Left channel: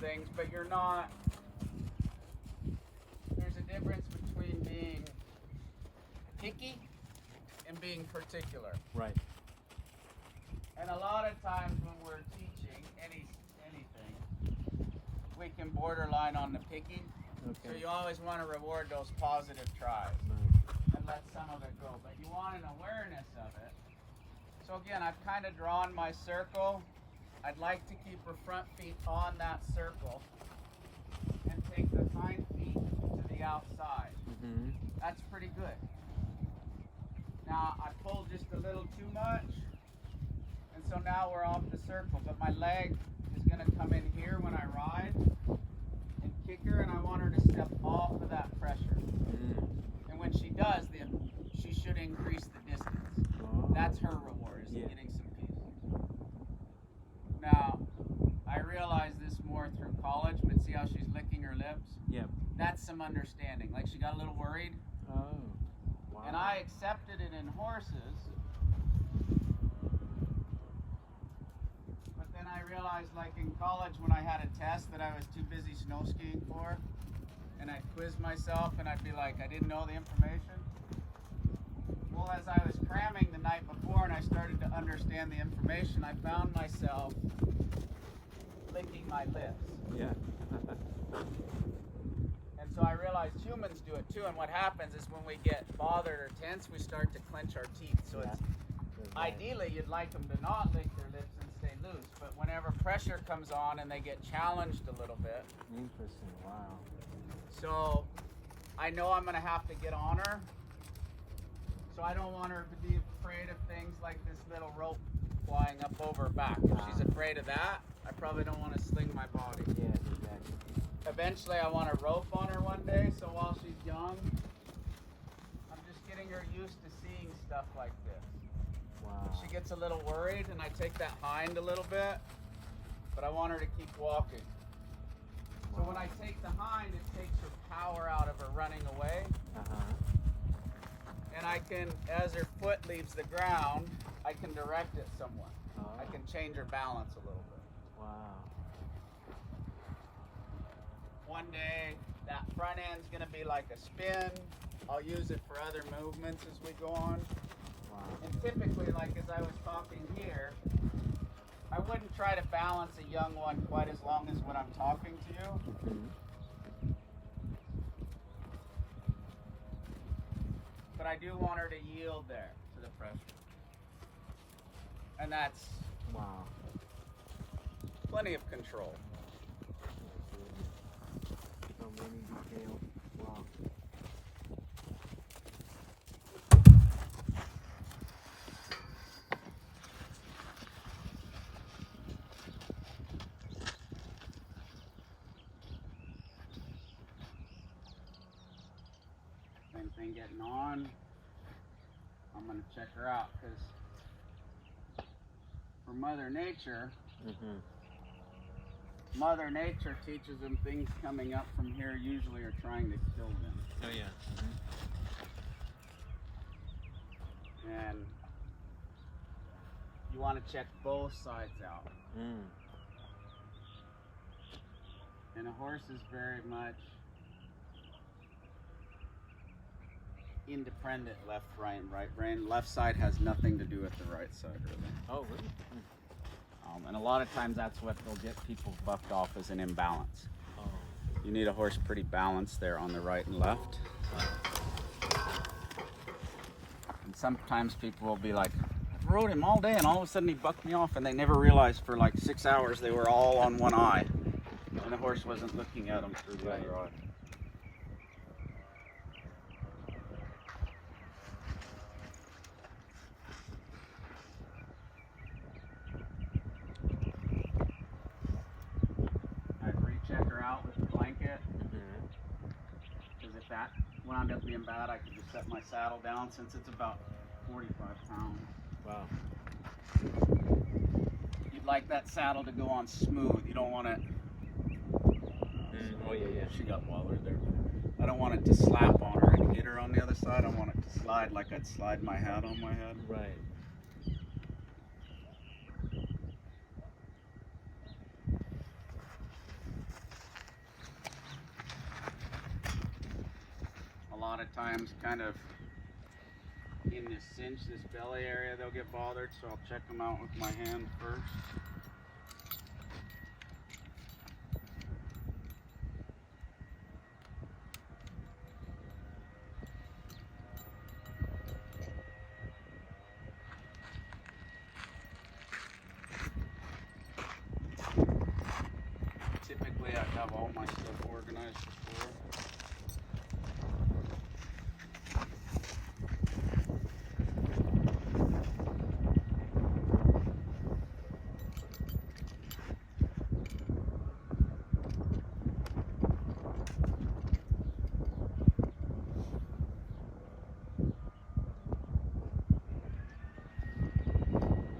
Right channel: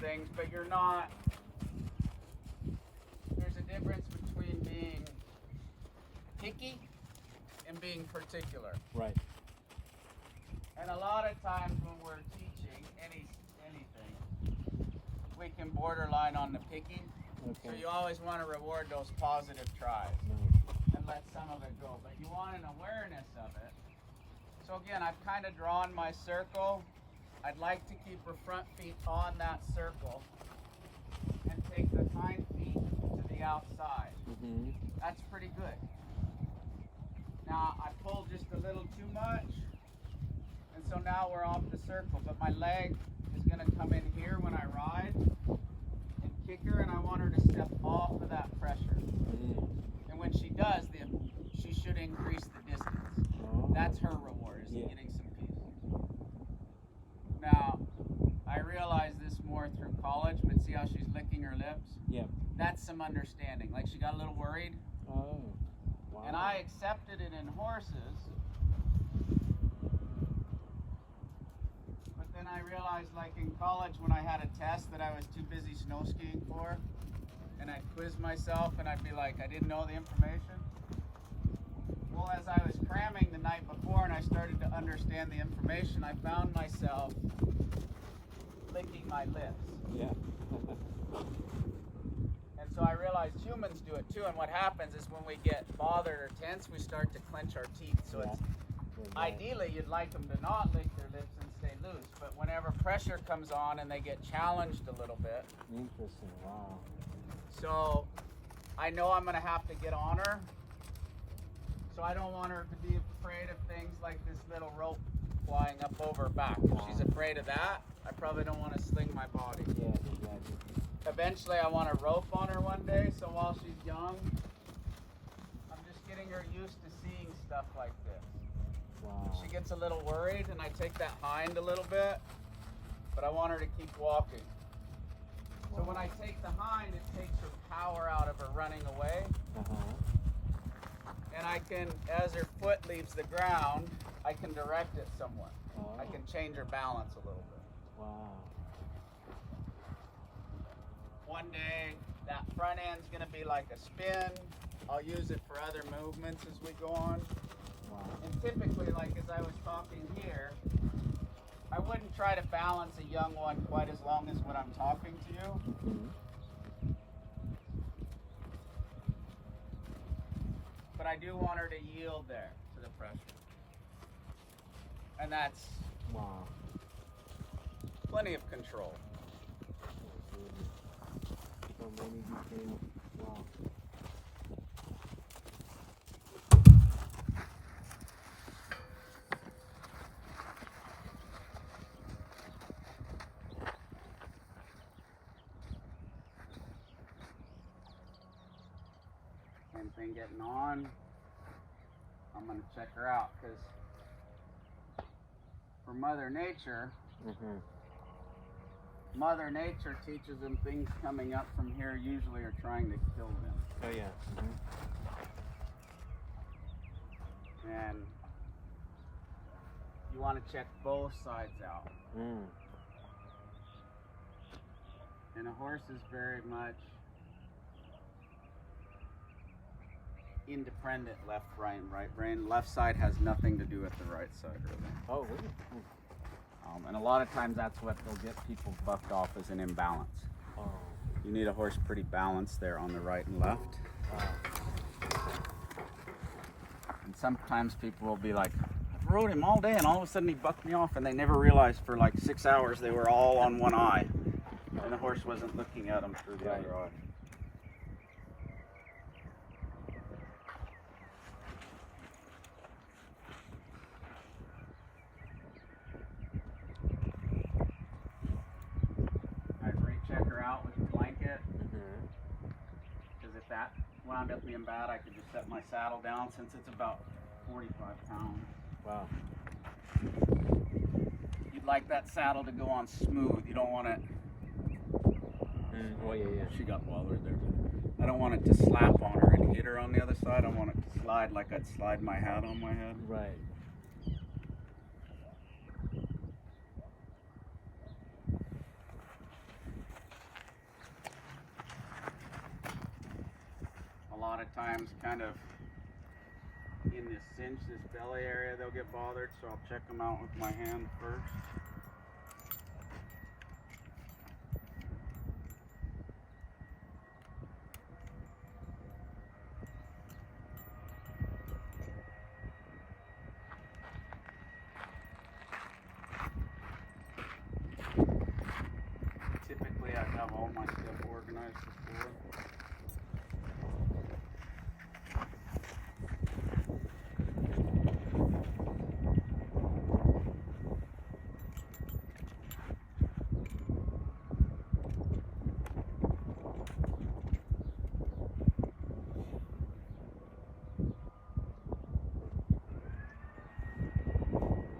things, but you're not. There's a difference between being picky and being particular. Right. And a lot of times when we're teaching anything, we can borderline on the picky. Okay. So you always want to reward those positive tries Nice. and let some of it go. But you want an awareness of it. So again, I've kind of drawn my circle. I'd like to keep her front feet on that circle and take the hind feet to the outside. Mm-hmm. That's pretty good. Now I pulled just a little too much, and so now we're off the circle, but my leg is going to come in here when I ride and kick her, and I want her to step off of that pressure. Mm. And when she does, she should increase the distance. That's her reward, is getting some peace. Now, I realize this more through college, but see how she's licking her lips? Yeah. That's some understanding. Like she got a little worried. Oh. Wow. And I accepted it in horses. But then I realized, like in college, when I had a test that I was too busy snow skiing for, and I'd quiz myself and I'd be like, I didn't know the information. Well, as I was cramming the night before and I started to understand the information, I found myself licking my lips. Yeah. And so I realized humans do it too, and what happens is when we get bothered or tense, we start to clench our teeth. So it's ideally you'd like them to not lick their lips and stay loose, but whenever pressure comes on and they get challenged a little bit. Interesting. Wow. So I know I'm going to have to get on her. So I don't want her to be afraid of things like this little rope flying up over her back. If she's afraid of that, I probably don't want to sling my body. Yeah, exactly. Eventually I want a rope on her one day, so while she's young, I'm just getting her used to seeing stuff like this. Wow. She gets a little worried and I take that hind a little bit, but I want her to keep walking. So when I take the hind, it takes her power out of her running away. And I can, as her foot leaves the ground, I can direct it somewhat. I can change her balance a little bit. Wow. One day, that front end's going to be like a spin. I'll use it for other movements as we go on. Wow. And typically, like as I was talking here, I wouldn't try to balance a young one quite as long as when I'm talking to you. Mm-hmm. But I do want her to yield there to the pressure. And that's Wow. plenty of control. So many details. Wow. Same thing getting on. I'm going to check her out because for Mother Nature, Mm-hmm. Mother Nature teaches them things coming up from here usually are trying to kill them. Oh yeah. Mm-hmm. And you want to check both sides out. Mm. And a horse is very much independent left, right, and right brain. Left side has nothing to do with the right side, really. Oh really? And a lot of times that's what will get people bucked off as an imbalance. Oh. You need a horse pretty balanced there on the right and left. And sometimes people will be like, I rode him all day and all of a sudden he bucked me off, and they never realized for like 6 hours they were all on one eye. And the horse wasn't looking at them through the other eye. Check her out with the blanket, because if that wound up being bad, I could just set my saddle down since it's about 45 pounds. Wow. You'd like that saddle to go on smooth. You don't want it. Oh yeah. She got wallered there. I don't want it to slap on her and hit her on the other side. I want it to slide like I'd slide my hat on my head. Right. lot of times kind of in this cinch, this belly area, they'll get bothered, so I'll check them out with my hand first. Typically, I have all my stuff organized before.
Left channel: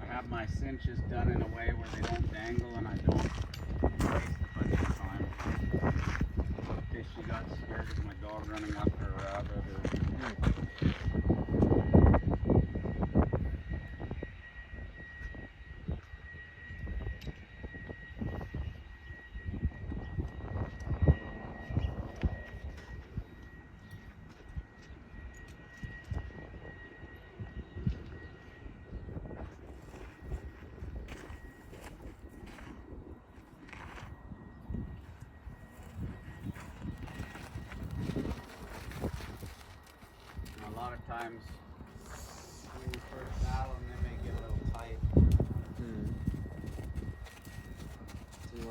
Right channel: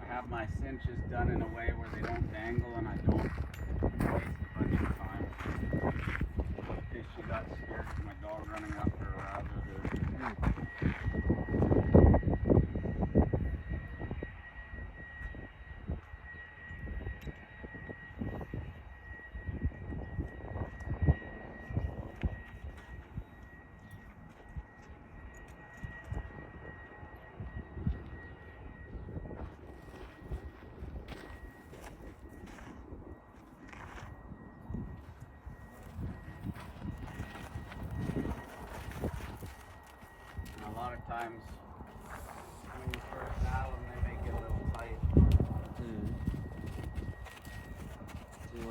I have my cinches done in a way where they don't dangle and I don't waste a bunch of time. In case she got scared of my dog running after a rabbit or... A lot of times when you first saddle them, they may get a little tight.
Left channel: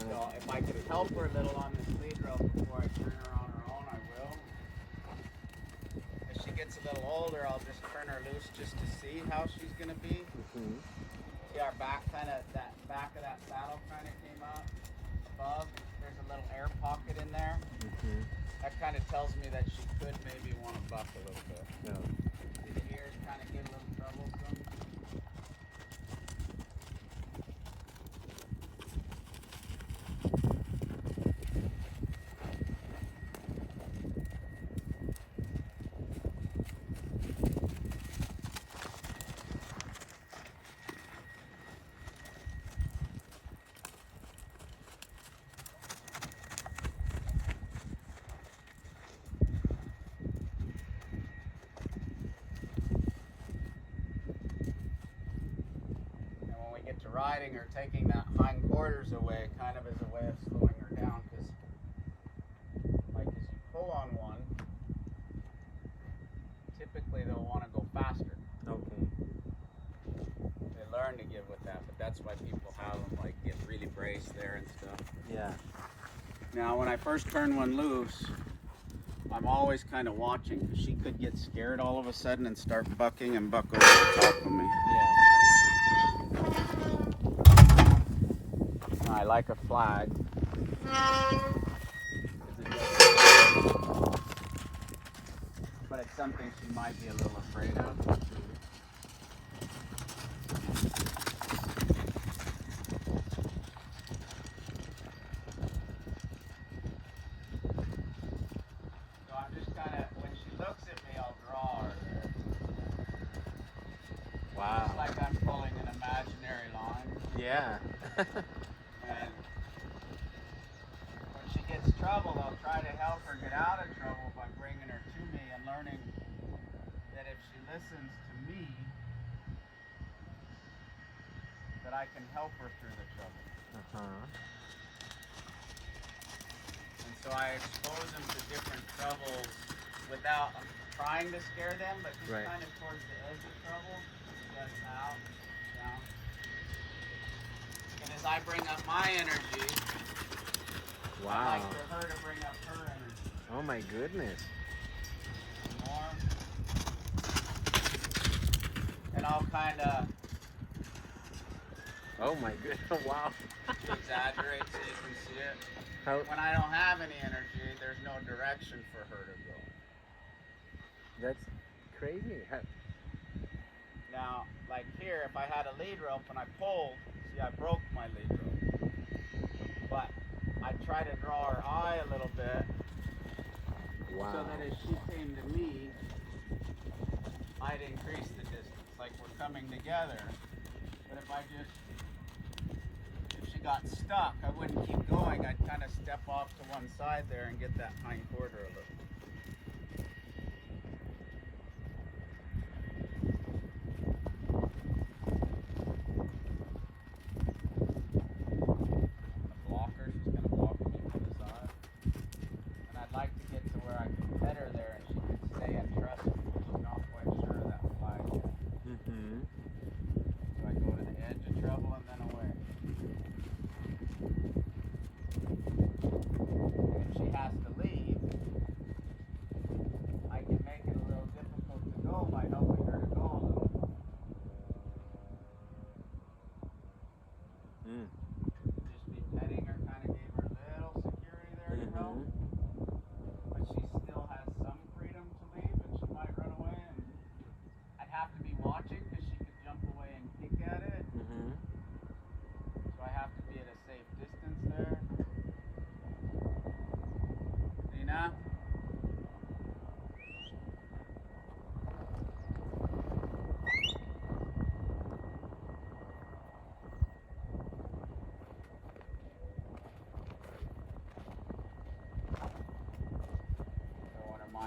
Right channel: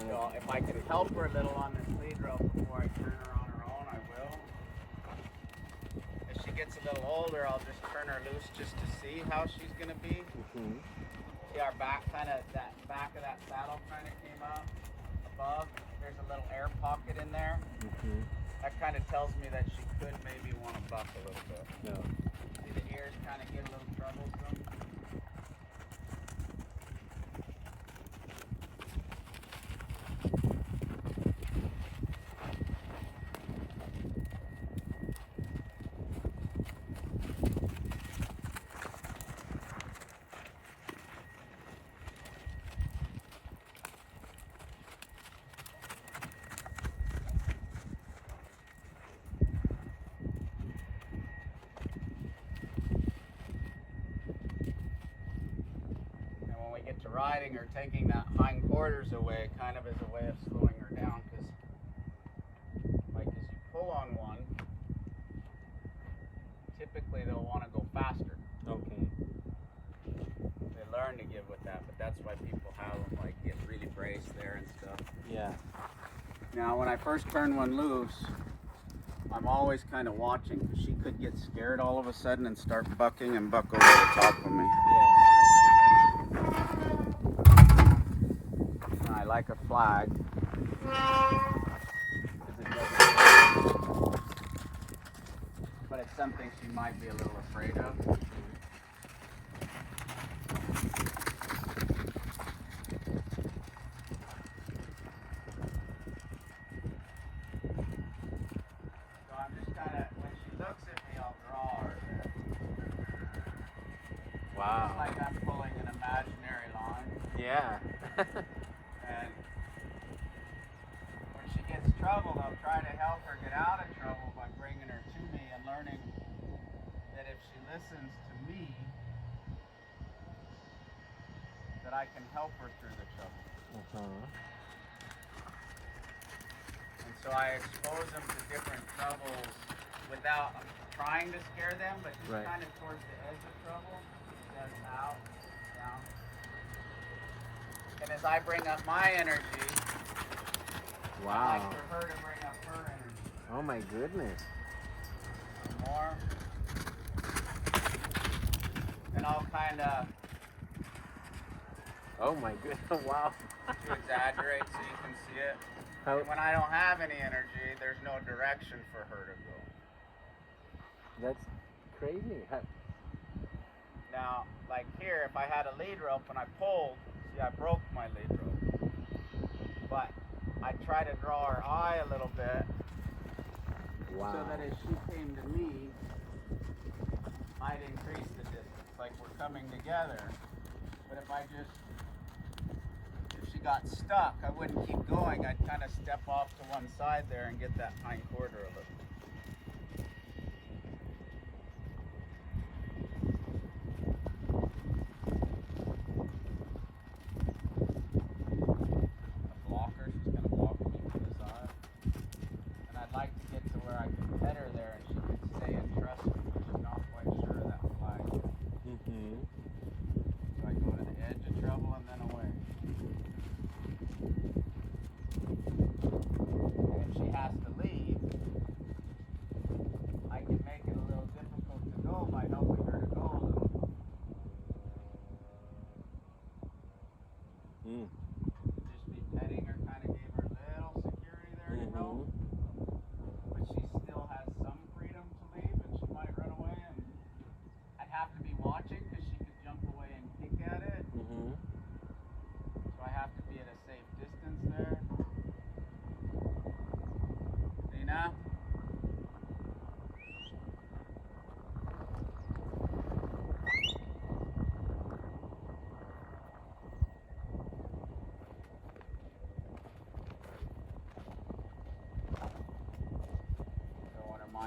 So if I can help her a little on this lead rope before I turn her on her own, I will. If she gets a little older, I'll just turn her loose just to see how she's going to be. See our back that back of that saddle kind of came out above. There's a little air pocket in there. That kind of tells me that she could maybe want to buck a little bit. Yeah. See the ears kind of get a little troublesome. Get to riding or taking that hind quarters away kind of as a way of slowing her down, because like as you pull on one, typically they'll want to go faster. Okay. They learn to give with that, but that's why people have them like get really braced there and stuff. Yeah. Now when I first turn one loose, I'm always kind of watching, because she could get scared all of a sudden and start bucking and buck over the top of me. Yeah. I like a flag. But it's something she might be a little afraid of. So I'm just kind of, when she looks at me, I'll draw her there. Wow. It's like I'm pulling an imaginary line. Yeah. And when she gets troubled, I'll try to help her get out of trouble by bringing her to me and learning that if she listens to me, that I can help her through the trouble. And so I expose them to different troubles without trying to scare them, but just kind of towards the edge of trouble. Just out, down. And as I bring up my energy, I'd like for her to bring up her energy. Oh my goodness. More. And I'll kind of... Oh my goodness, wow. To exaggerate so you can see it. How? When I don't have any energy, there's no direction for her to go. That's crazy. How? Now, like here, if I had a lead rope and I pulled, see, I broke my lead rope. But I try to draw her eye a little bit, Wow. so that as she came to me, I'd increase the distance, like we're coming together. But if I just, if she got stuck, I wouldn't keep going. I'd kind of step off to one side there and get that hind quarter a little.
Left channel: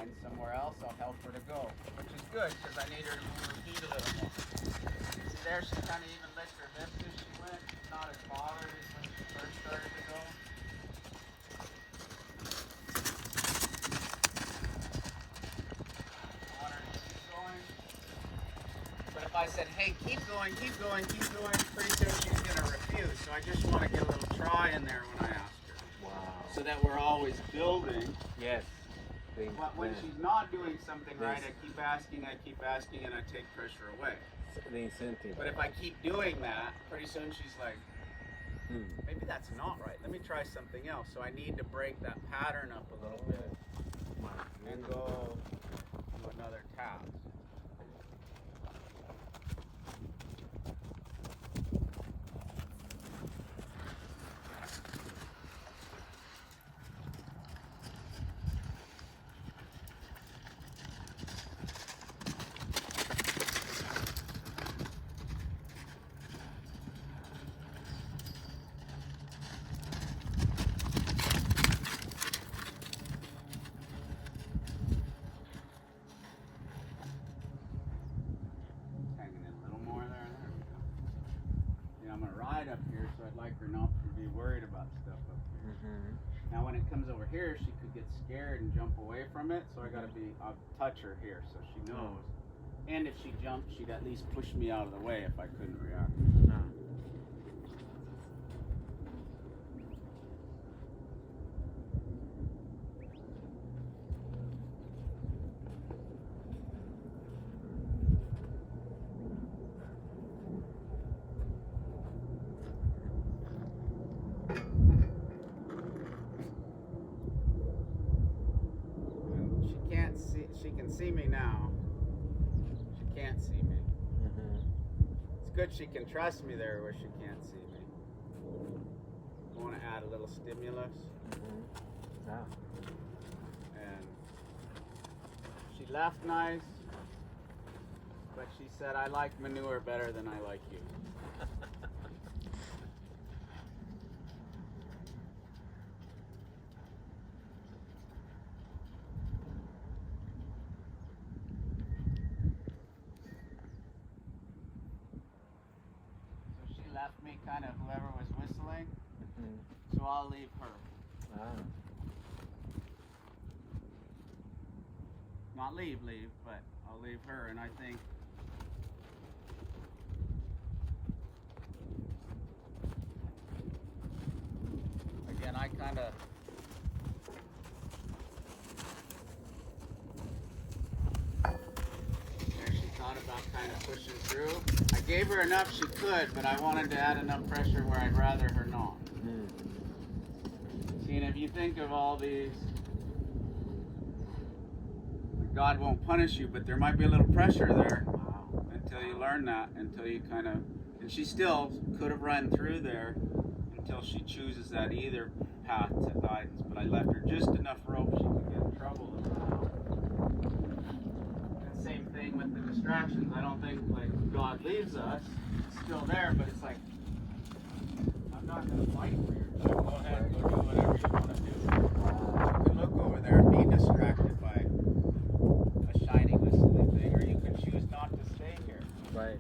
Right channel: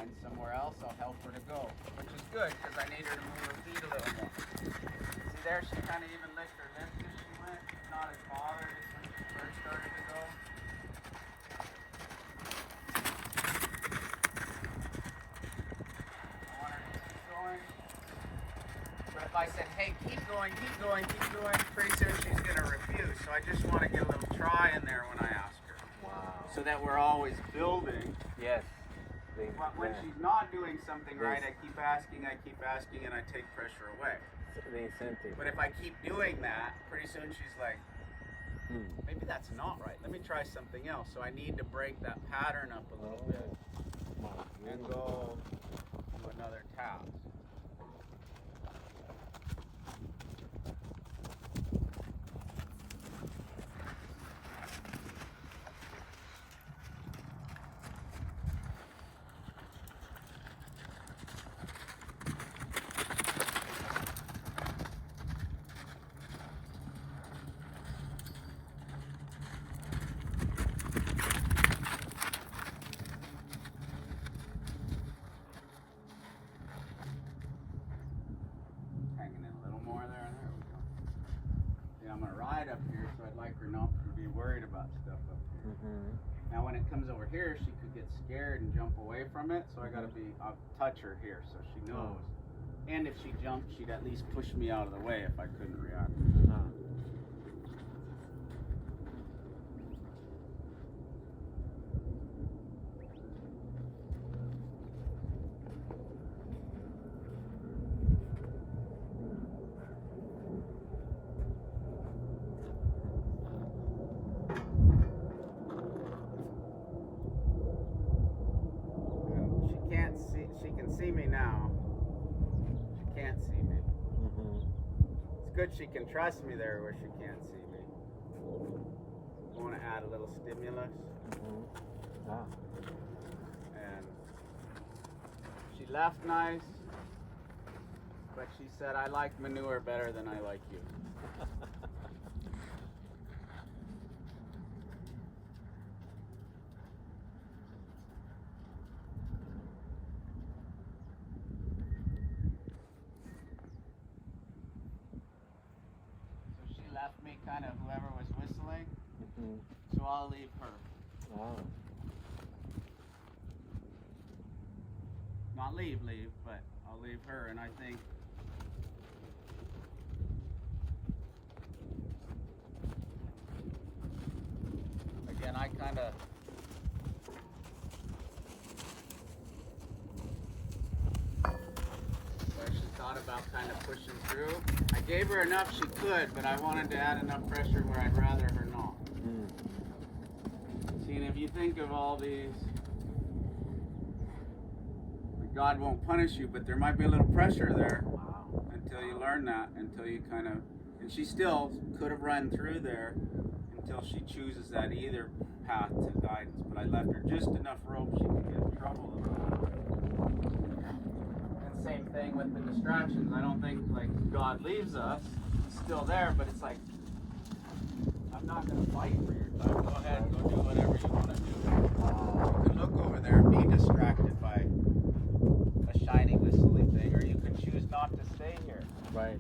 find somewhere else, I'll help her to go, which is good because I need her to move her feet a little more. See there, she kind of even licked her lips as she went. She's not as bothered as when she first started to go. I want her to keep going. But if I said, hey, keep going, keep going, keep going, pretty soon she's going to refuse. So I just want to get a little try in there when I ask her. Wow. So that we're always building. Yes. But when she's not doing something right, I keep asking, and I take pressure away. The incentive. But if I keep doing that, pretty soon she's like, maybe that's not right. Let me try something else. So I need to break that pattern up a little bit and go to another task. I'm going to ride up here, so I'd like her not to be worried about stuff up here. Now when it comes over here, she could get scared and jump away from it, so I'll touch her here so she knows. And if she jumped, she'd at least push me out of the way if I couldn't react. She can see me now. She can't see me. It's good she can trust me there where she can't see me. I want to add a little stimulus. And she left nice, but she said, I like manure better than I like you. Left me kind of whoever was whistling, so I'll leave her. Not leave, but I'll leave her, and I think again I kind of thought about kind of pushing through. I gave her enough she could, but I wanted to add enough pressure where I'd rather her not. See, and if you think of all these, God won't punish you, but there might be a little pressure there until you learn that, until you kind of, and she still could have run through there until she chooses that either path to guidance, but I left her just enough rope she could get in trouble a little bit. Same thing with the distractions. I don't think like God leaves us. It's still there, but it's like I'm not going to fight for your time. Go ahead, go do whatever you want to do. You can look over there and be distracted by a shiny whistling thing, or you can choose not to stay here. Right.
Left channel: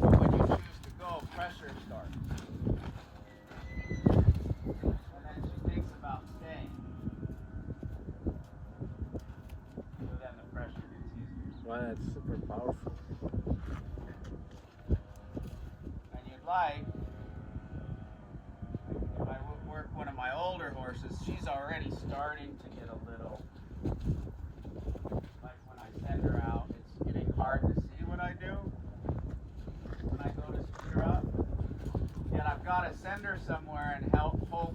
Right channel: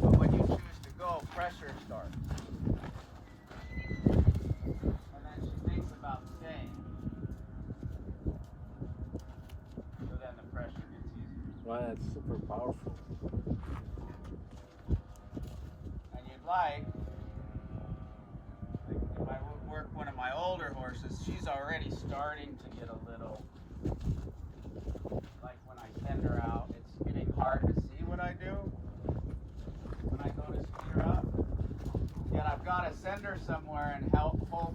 But when you choose to go, pressure starts, and then she thinks about staying. So then the pressure gets easier. Wow, that's super powerful. And you'd like if I would work one of my older horses, she's already starting to get a little, like when I send her out, it's getting hard to see what I do when I go to speed her up. Yet I've got to send her somewhere and hope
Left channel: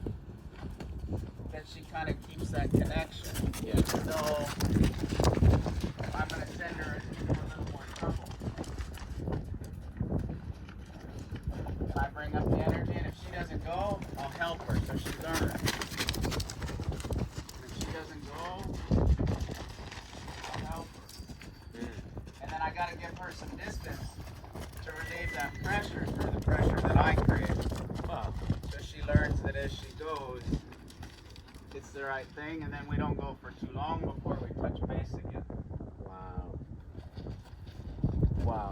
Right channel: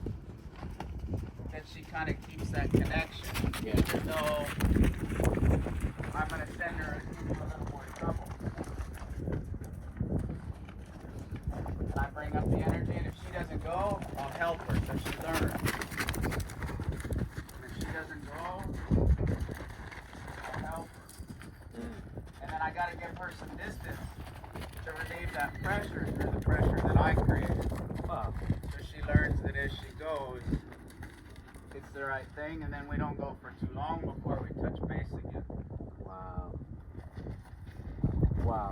that she kind of keeps that connection, even though I'm going to send her into a little more trouble. And I bring up the energy, and if she doesn't go, I'll help her so she learns. And if she doesn't go, I'll help her. And then I got to give her some distance to relieve that pressure through the pressure that I created. So she learns that as she goes, it's the the right thing, and then we don't go for too long before we touch base again. Wow. Wow.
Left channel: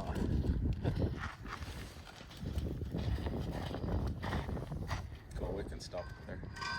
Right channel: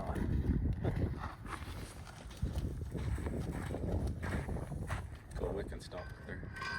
So we can stop there.